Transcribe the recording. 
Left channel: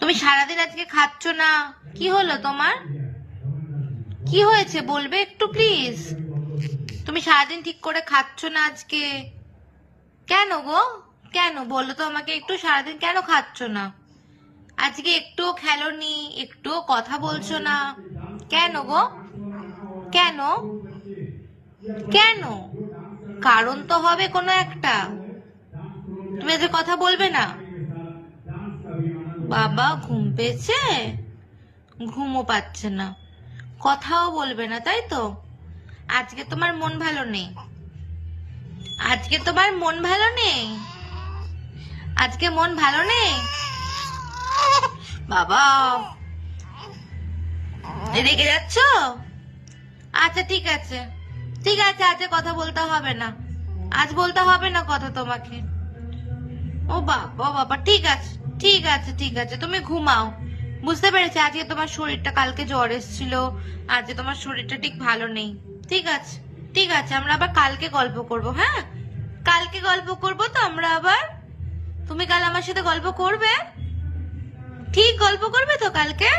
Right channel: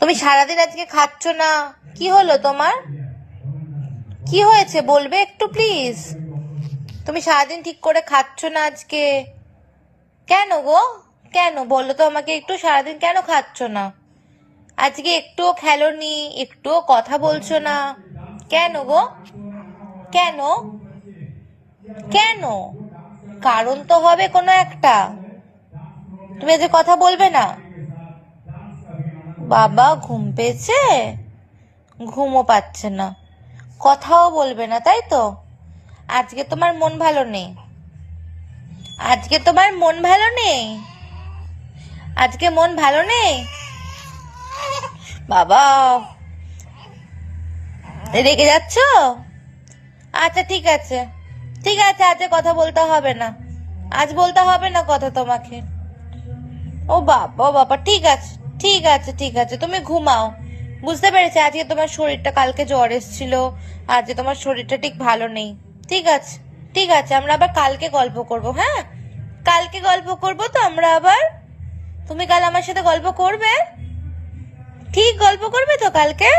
তুমি সারাদিন আজকে খাচ্ছ না, কি হলো তোমার? কি হয়েছে বলবে একটু প্লিজ? তুমি সারাদিন ঠিক করে খাচ্ছ না আজকে, কেন গো? কেন বলো তো আমাকে একটু, সারাদিন কেন খাচ্ছ না? আজকে একটুও খেলোনি, একটুও কথা বলছো না, কেন গো? কেন? কেন? কারণ তো হবে কোনো একটা। তুমি আজকে কথা বলবে না? বাবা ঘুম পেয়েছে, ঘুমও পাচ্ছে না, কথাও বলবে না, তাই তো? আজকে তোমার মন ভালো নেই, আজকে তোমার মন ভালো নেই, আজকে মন ভালো নেই। বাবা রেগে যাচ্ছ? আচ্ছা ঠিক আছে, ঠিক আছে, আজকে কথা বলতে হবে না, আজ বলতে হবে না কথা তোমাকে। ও বাবা, ও বাবা, ঠিক আছে, ঠিক আছে, ঠিক আছে, তুমি ঘুমাও। বুঝতে পেরেছি আজকে তোমার শরীরটা, কালকে জ্বর এসেছিল, আজকে তোমার শরীরটা ঠিক ভালো নেই। ঠিক আছে, ঠিক আছে, আমরা আবার কালকে গল্প করব, হ্যাঁ? কালকে গল্প করব তো আমরা আবার। তুমি কাল আমার সাথে গল্প করবে? ঠিক গল্প করবে তো কালকে?